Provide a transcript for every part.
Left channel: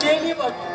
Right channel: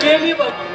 गेली बाकी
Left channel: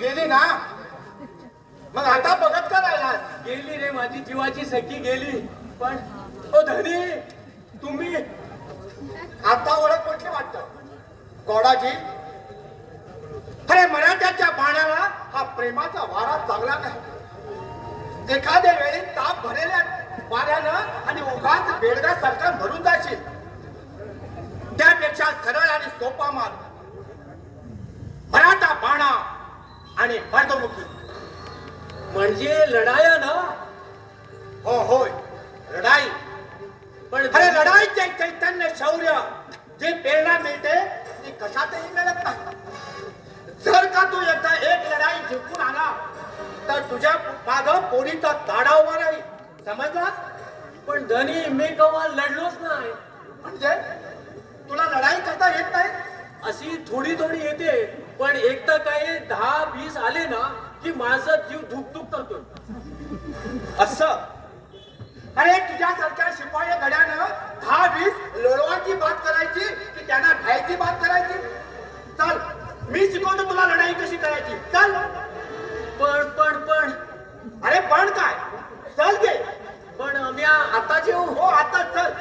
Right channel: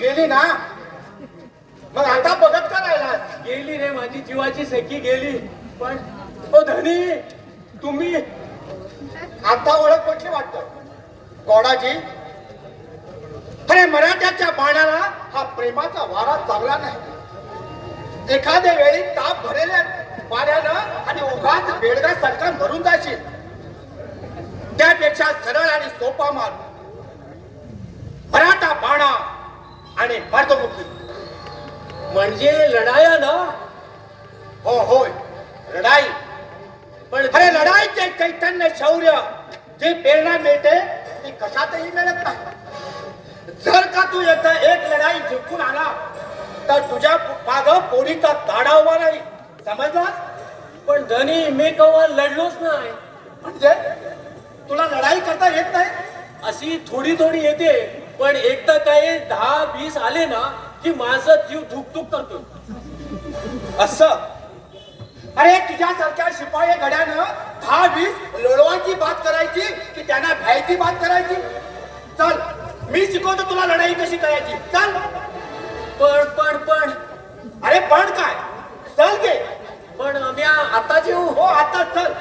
गेली ना मग आता बघत का राहिला गेली रे माझी जीवाची सखी गेली पण ओ धनी तुम्ही आता ओळख कुठली वाटत गोडाजी अरे मराठ्याच्या बाणाला हा प्रेमाचा वारा चालला नाही एखाद्या वेळी ताप भरलेल्या वाऱ्यानं आणि उगाच बेडगा सरकार भरून जाशील त्यापेक्षा सरळ आणि सोपा मार्ग मराठा बाणा आणि मर्दमुक्ती म्हणजे लढाया ना हो होय लढाई पण खरे लढाईचे चैतन्य शौर्य जे प्रेरणा मिळते ती कशातही मिळत नाही जर का तू एकदा एक लढाई जिंकून आला तर तुझ्या मागं पोरीचा गाडा उभा नाही समजलास पण धनी मी कवा लढलोच नाही म्हणजे तुला लढाई करता येत नाही अशी थोडी थोडी येते पण एकदा काय 10-20 आले ना की माझा जीव धुकधुक करतो असं अरे तुझ्यासारख्या शिपाई गड्यानं 10-20 लोळवांची बात करायची की त्यांना भ्यायची बात करायची चल मी शिकवतो तुला लढाई कशी करायची चल पण अरे पण काय चल गे पण आम्ही आता जेऊ हो आता चल